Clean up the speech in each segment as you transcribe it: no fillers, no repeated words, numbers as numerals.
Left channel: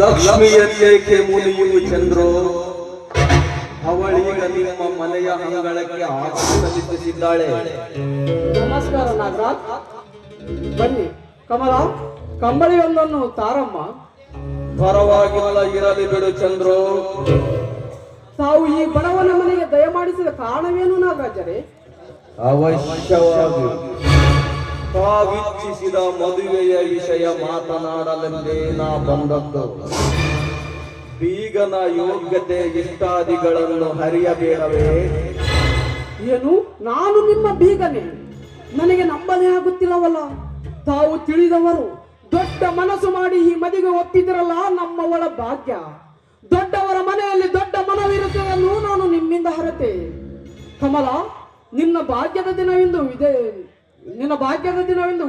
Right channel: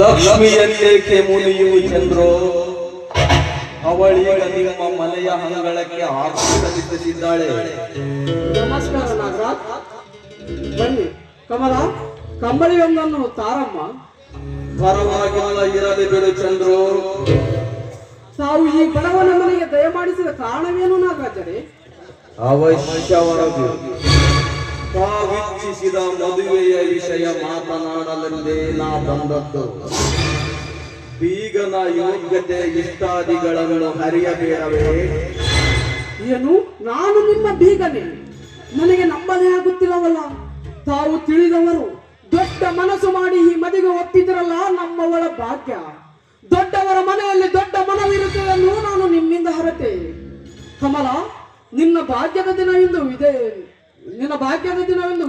ಲಕ್ಷ್ಮಿಯನ್ನೇಕೆ ಮುನಿಯುವು ಚಂದ್ರೋ, ಅವಳೀಗ ನಿಮ್ಮ ಮನೆಯ ಅಂಗಳಕ್ಕೆ ಆಗಮಿಸಿದ್ದಾಳೆ. ನಮಸ್ಕಾರ ನಾಗರಾಜ್. ಬನ್ನಿ ಕಮಲ, ಕಂಬಳಿಯೊಂದನ್ನು ತಾರಮ್ಮ. ಪರವಾಗಿಲ್ಲ, ಇರಲಿ ಬಿಡು ಚಂದ್ರೋ. ತಾವು ಈ ಬಡವನ ಮನೆಗೆ ದಯಮಾಡಿಸಿದ ಕಾರಣವೇನು ನಾಗರಾಜರೇ? ಅವಶ್ಯವಾಗಿ ತಾವಿಚ್ಛಿಸಿದ ಮದುವೆಯ ವಿಷಯ ಮಾತನಾಡಲೆಂದೇ ನಾ ಬಂದದ್ದು. ಬೀಗನ ಯೋಗ್ಯತೆ ಇಷ್ಟಾದಿಗಳನ್ನು ಹರಿಯಬೇಡವೇ? ಏನು, ನಾನು ನಿಮ್ಮ ಬೀಗನೇ? ನನಗೆ ನಂಬಲೇ ಆಗುತ್ತಿಲ್ಲವಲ್ಲ. ತಾವು ತಿಳಿದವರು ದೊಡ್ಡ ಮನಸ್ಸು ಮಾಡಿ ಈ ಮದುವೆ ಒಪ್ಪಿದ್ರಲ್ಲ, ನಮ್ಮವಳ ಭಾಗ್ಯ. ದೊಡ್ಡವರ ಮನೆಯಲ್ಲಿ ದೊಡ್ಡ ಮನವಿರುತ್ತದೆನ್ನು ನಾನು ನಿಮ್ಮಿಂದ ಹರತೆ. ಕಮಲ, ನಿನ್ನ ಭಾಗ್ಯದ ದಿನವೆಂದು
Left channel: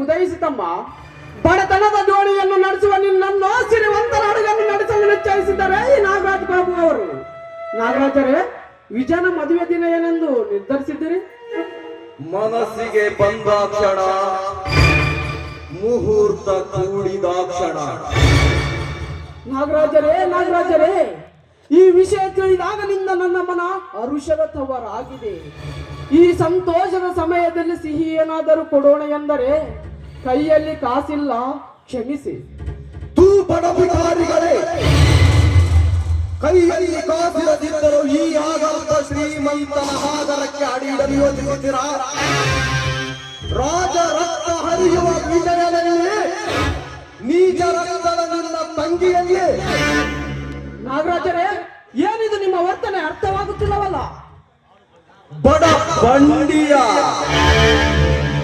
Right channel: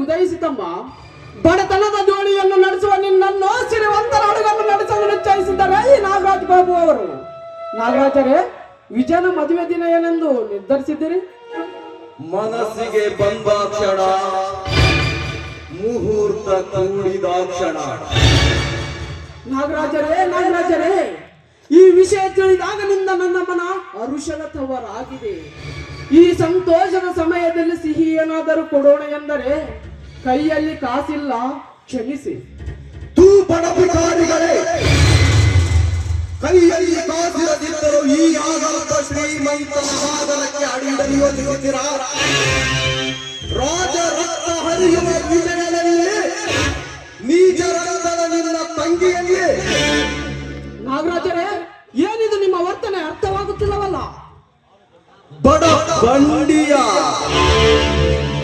ಉದಯಿಸಿತಮ್ಮ. ಬಡತನದ ಜೋಡಿಯನ್ನು ನಡೆಸುವ ನಿನ್ನನ್ನು ಸಿರಿವಂತರ ಅಡುಗನ್ನು ನಡೆಸಲು ನಿಶ್ಚಯಿಸಿದ್ದಾರೆ ಈ ನಾಗರಾಜ್ ಬಾಬು ಅವರು. ನಾಗರಾಜರೇ, ವಿಜಯನ ಮದುವೆ ದಿನ ಏನೆಂದು ನಿರ್ಧರಿಸಿದ್ದೀರಿ? ಮನಸ್ಸಿಗೆ ಬಂದಾಕ್ಷಣ, ಮುಹೂರ್ತ ಕೂಡಿದಾಕ್ಷಣ. ನಾಗರಾಜರೇ, ಈ ವಿಷಯ ತಿಳಿದಾಗಲಿಂದ ನನ್ನ ಮನ ಹರುಷದ ತವರಾಗಿದೆ. ಈ ಸಂತೋಷದ ಸಮಯದಲ್ಲಿ ಸಿಹಿ ಏನಾದರೂ ಕೊಡೋಣ ಎಂದರೆ ಕೈಯಲ್ಲಿ ಕಾಸಿಲ್ಲ, ಕ್ಷಮಿಸಿ. ತೂ ಬಡಬಿಕಾರಿಗಳೇ, ಕೈಯಲ್ಲಿ ಕಾಸಿರದಿದ್ದರೂ ಈ ಆಗಾತ ಶ್ರೀಮಂತನ ಆದರಕ್ಕೆ ಅಡಿಯಿಡಲು ಯೋಚಿಸುತ್ತೀರಾ? ರಾಜ ರಕ್ತ ಹರಿಯುವ ವಿಜಯನಲ್ಲಿ ನೀಚ ರಕ್ತದ ನಿನ್ನ ತಂಗಿಯಲ್ಲಿ. ನಾಗರಾಜರೇ, ಏನಿದು ನಿಮ್ಮ ವರ್ತನೆ? ಅರ್ಥವಾಗುತ್ತಿಲ್ಲವಲ್ಲ. ಬಡ ಬಂಡಿಯ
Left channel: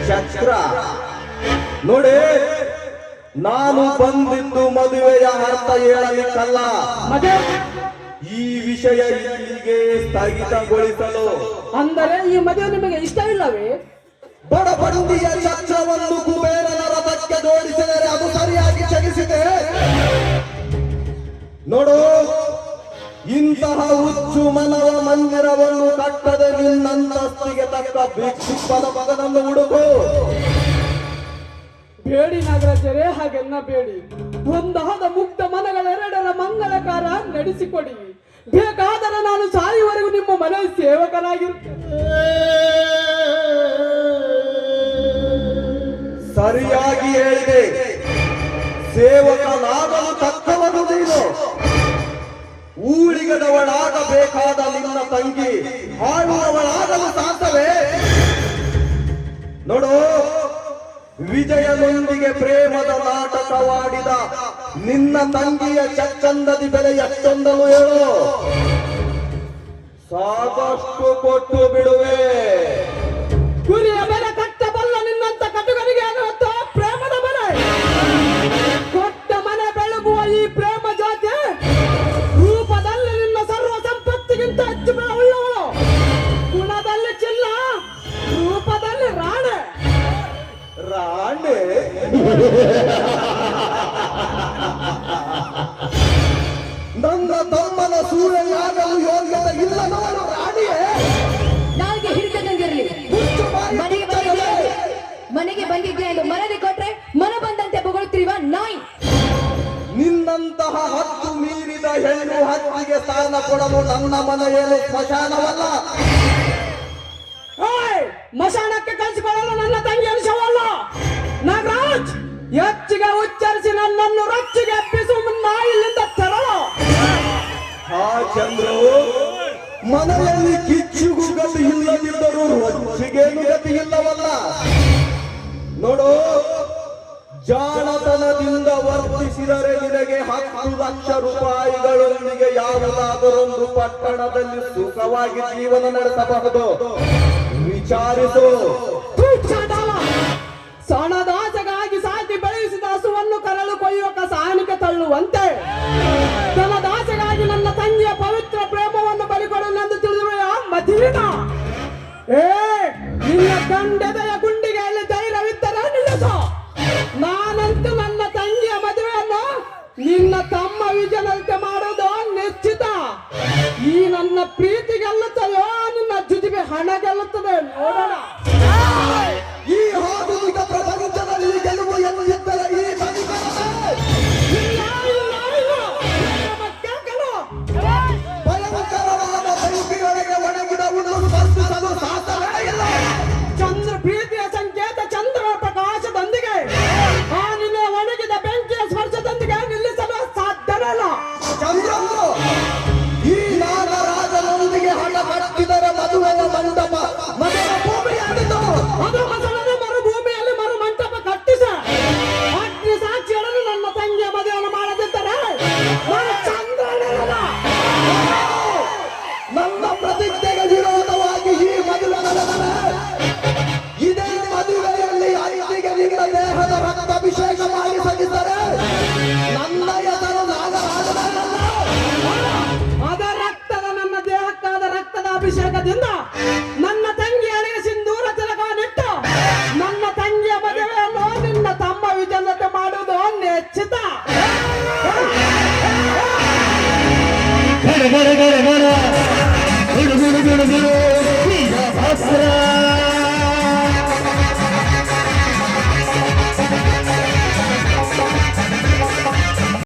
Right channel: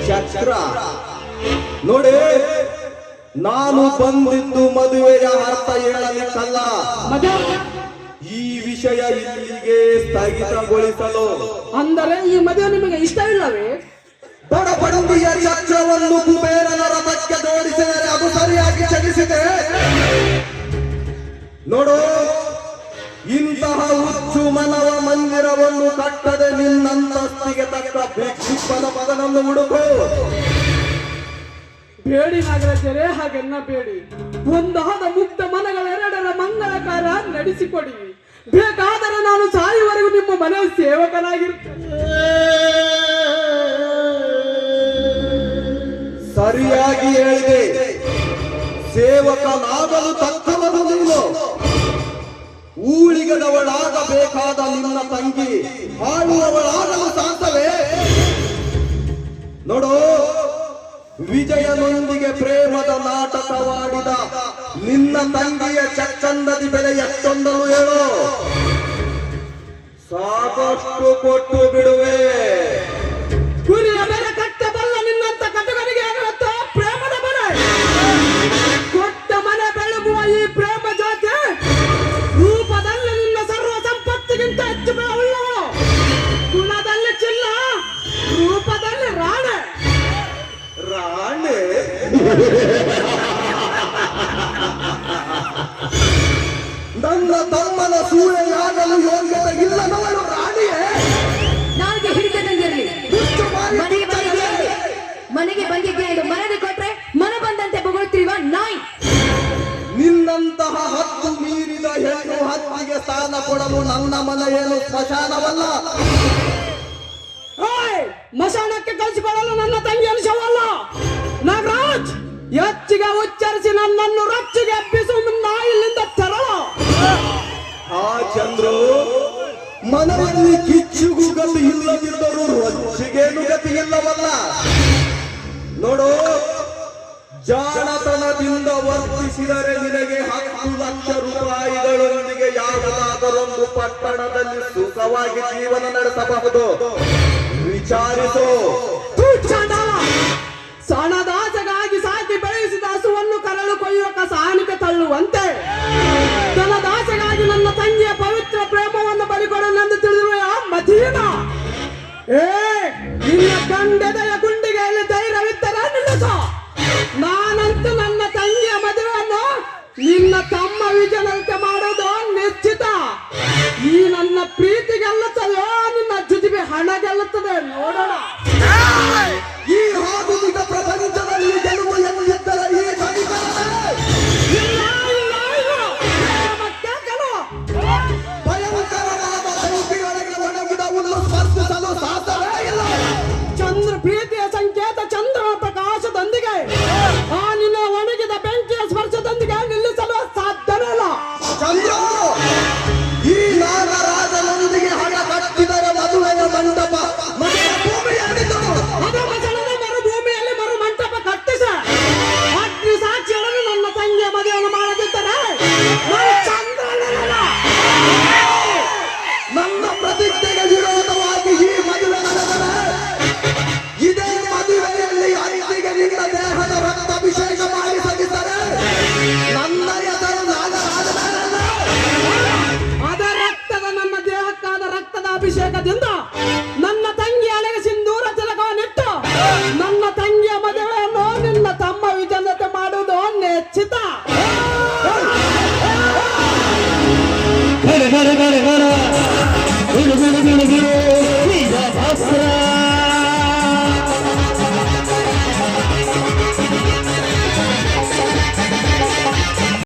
ಚಕ್ರ ನೋಡಿ, ನಾನು ಬಂದಿದ್ದು ಮದುವೆಯ ಅರ್ಥ ಹೇಳಲಿಕ್ಕಲ್ಲ, ಈ ವಿಷಯ ಇಲ್ಲಿಗೆ ಸ್ಥಗಿತಗೊಳಿಸಲು. ಅಂದರೆ ಈ ಮದುವೆ ನಿಮಗೆ ಇಷ್ಟವಿಲ್ಲವೇ? ಬಡ ಬಂಡಿಯ ಚಕ್ರವನ್ನು ಕುಬೇರನ ರಥಕ್ಕೆ ಜೋಡಿಸಿದರೆ ಅದು ಸರಿಯಾಗಿ ಚಲಿಸಿದೆ ನೋಡು. ಇಂತಹ ಹುಚ್ಚು ಮನವ ಮಂದಿರವನ್ನು ಕಟ್ಟದೆ ನಿನ್ನಂತಸ್ತಿಗೆ ತಕ್ಕ ಭಿಕ್ಷುಕನ ಮಗನನ್ನು ಹುಡುಕು. ಬೇಡಿ ನಾಗರಾಜರೇ, ಹಾಗೆನ್ನ ಬೇಡಿ. ಒಂದಾದ ಮುಕ್ತ ಮನಗಳೆರಡರ ಮಂಗಳಕಾರ ನಡೆಸಿಕೊಡಿ. ಬೇಕಾದರೆ ನಾನು ಸಾಯುವವರೆಗೂ ನಿಮ್ಮ ಮನೆ ಸೇವಕನಾಗಿರ್ತೇನೆ. ಸರಿಯಾಗಿ ಹೇಳಿದೆ. ಸೇವಕನಾಗಲು ತಕ್ಕವನು ನೀನು. ಊಳಿಗದವಳಾಗಬೇಕಾದ ನಿನ್ನ ತಂಗಿ ಆಳುವವಳಾಗಲು ಸಾಧ್ಯವೇ? ನೋಡು, ವಿಜಯನೊಂದಿಗೆ ಪ್ರೇಮದ ನಾಟಕವಾಡಿದ ನಿನ್ನ ತಂಗಿಯ ಚಚ್ಚಂದದಿ ಬೆಲೆ ಎಷ್ಟೊಂದಲು ಹೇಳು. ಸಾಕಷ್ಟು ಕೊಟ್ಟು ಬಿಡುವೆ. ಗುರಿಯ ಬೆಲೆ ಕಟ್ಟಬಲ್ಲ ನಿನ್ನಂತ ಕಟುಗರಿಗೆ ಪ್ರೇಮದ ಬೆಲೆ ಕೊಟ್ಟ ಮನೆ ಬೆಳಗುವ ಈ ಪ್ರೇಮ ಜಾತಿ ರೂಪದಲ್ಲಿ ನಿನ್ನ ಸರ್ವ ಸಂಪತ್ತಿಗಿಂತ ಹೆಚ್ಚು ಬೆಲೆ ಉಳ್ಳವಳು. ಗುಣದಲ್ಲಿ ಚಿಲ್ಲ, ರೂಪದಲ್ಲಿ ರಾಣೆ. ನನ್ನ ತಮ್ಮನ ಸೂಳೆಯಾಗಲು ಯೋಗ್ಯತೆ ಇಲ್ಲದವಳು ರಾಣಿಯೇ. ನನಗೆ ಹಿಡಿತದಂಗಿರಲಿ. ಮನೆಗೆ ಬಂದಿದ್ದೆ ಎಂದು ಮನೆಗೆ ಕೊಟ್ರೆ ಮನ ಬಂದಂತೆ ಬೊಗಳುತ್ತಿರುವ ನಾಯಿ. ನಿನ್ನಂತಹ ಹತ್ತು ಮೀರಿದ ಹೆಣ್ಣು ಹತ್ತಿಗೆ ಸ್ಥಾನ ಕೊಡಲು ನನ್ನ ಮನೆಯೇನು ಸ್ಮಶಾನವಲ್ಲ. ಮಶಾನಕ್ಕೆ ಕಳಿಸಿಕೊಳ್ಳಲು ನನ್ನ ತಂಗಿ ಅಂಶವಲ್ಲ. ನಾಗರಾಜ್, ಹೆಚ್ಚಿಗೆ ಉಚ್ಚರಿಸಿ ನನ್ನನ್ನು ರಚ್ಚಿಗೆ ಎಬ್ಬಿಸು ಮುನ್ನ ಇಲ್ಲಿಂದ ತೆರಳು. ಆ ಚಂದ್ರು, ಮನೆಯಲ್ಲಿ ಕಿಚ್ಚುಗುಗಲು ಇಲ್ಲದಿದ್ದರೂ ರೊಚ್ಚಿಗೇನು ಗತಿ ಇಲ್ಲವಲ್ಲ. ನೋಡು, ಜಾಣತನದಿಂದ ವರ್ತಿಸಿದರೆ ನಿನಗೆ 10 ಲಕ್ಷ ರೂಪಾಯಿಗಳೊಂದಿಗೆ ಯಾವುದಾದರೊಂದು ಪಟ್ಟಣದಲ್ಲಿ ಸುಖವಾಗಿ ಜೀವನ ನಡೆಸಬಹುದು. ವಿಚಾರಿಸು. ಸಣದಾಸಗಾಗಿ ಸಾಕಿ ಬೆಳೆಸಿದ ಹಸುವನ್ನು ಕರಳು ಕೊಯ್ಯುವ ಸಾನಿಗೆ ತಳ್ಳುವಂತೆ ಧನದಾಸಗಾಗಿ ನನ್ನ ತಂಗಿಯ ಪವಿತ್ರ ಪ್ರೇಮವನ್ನು ಬಲಿಕೊಡಲೆಂದು ತಿಳಿದಿರುವ ಮದೀನ. ನಿನ್ನ ದಂಡೆದೆಯ ಗುಂಡಿಗೆಯಲ್ಲಿ ಧೈರ್ಯವಿದ್ದರೆ ನಿಲ್ಲಿಸು. ನಾನಂತೂ ನನ್ನ ತಂಗಿಯ ಮದುವೆಯನ್ನು ನಿನ್ನ ತಮ್ಮ ವಿಜಯನಂತೆ ಮಾಡೋದು ನಿಶ್ಚಿತ. ಈ ನನ್ನ ಪ್ರೀತಿ ಗೆಲ್ಲುತ್ತದೋ ನಿನ್ನ ಜುಜುಬಿ ಹಣ ಗೆಲ್ಲುತ್ತದೆ, ನೋಡೋಣ. ಈ ಆಧುನಿಕ ಪ್ರಪಂಚದಲ್ಲಿ ಗೆಲುವು ಎನ್ನುತ್ತಿದ್ದರೆ ಈ ನಾನು ಚಂದ್ರನಲ್ಲ. ನನ್ನ ಪ್ರತಿಜ್ಞೆಗೆ ವಿರೋಧವಾಗಿ ಈ ಮದುವೆ ನಡೆದರೆ ಇದೇ ಮದುವೆಯಲ್ಲಿ ಅಲ್ಲಿಗೆ ನಿನ್ನ ದೇಹದ ರಕ್ತಾಭಿಷೇಕ ಮಾಡಿ ಸಲ್ಲಿಸರೆ ನನ್ನ ಹೆಸರು ನಾಗರಾಜನಲ್ಲ. ಅದ ರಕ್ತದ ನನ್ನ ದೇಹಕ್ಕಾದ ರಕ್ತದ ಅಭಿಷೇಕದಿಂದ ನನ್ನ ತಂಗಿ ಹಣೆಗೆ ಸಿಂಧೂರ ತಿಲಕವನ್ನಿಟ್ಟು ನನ್ನ ತಂಗಿಯ ಮದುವೆಯನ್ನು ನಿನ್ನ ತಮ್ಮ ವಿಜಯ ಜೊತೆ ಮಾಡುವುದು ನಿಶ್ಚಿತ. ಗಡ ಗಡ ಗಡ ಗಡ ಗುಡು ಗುಡು ಗುಡು ಗುಡು ವೀರಭದ್ರ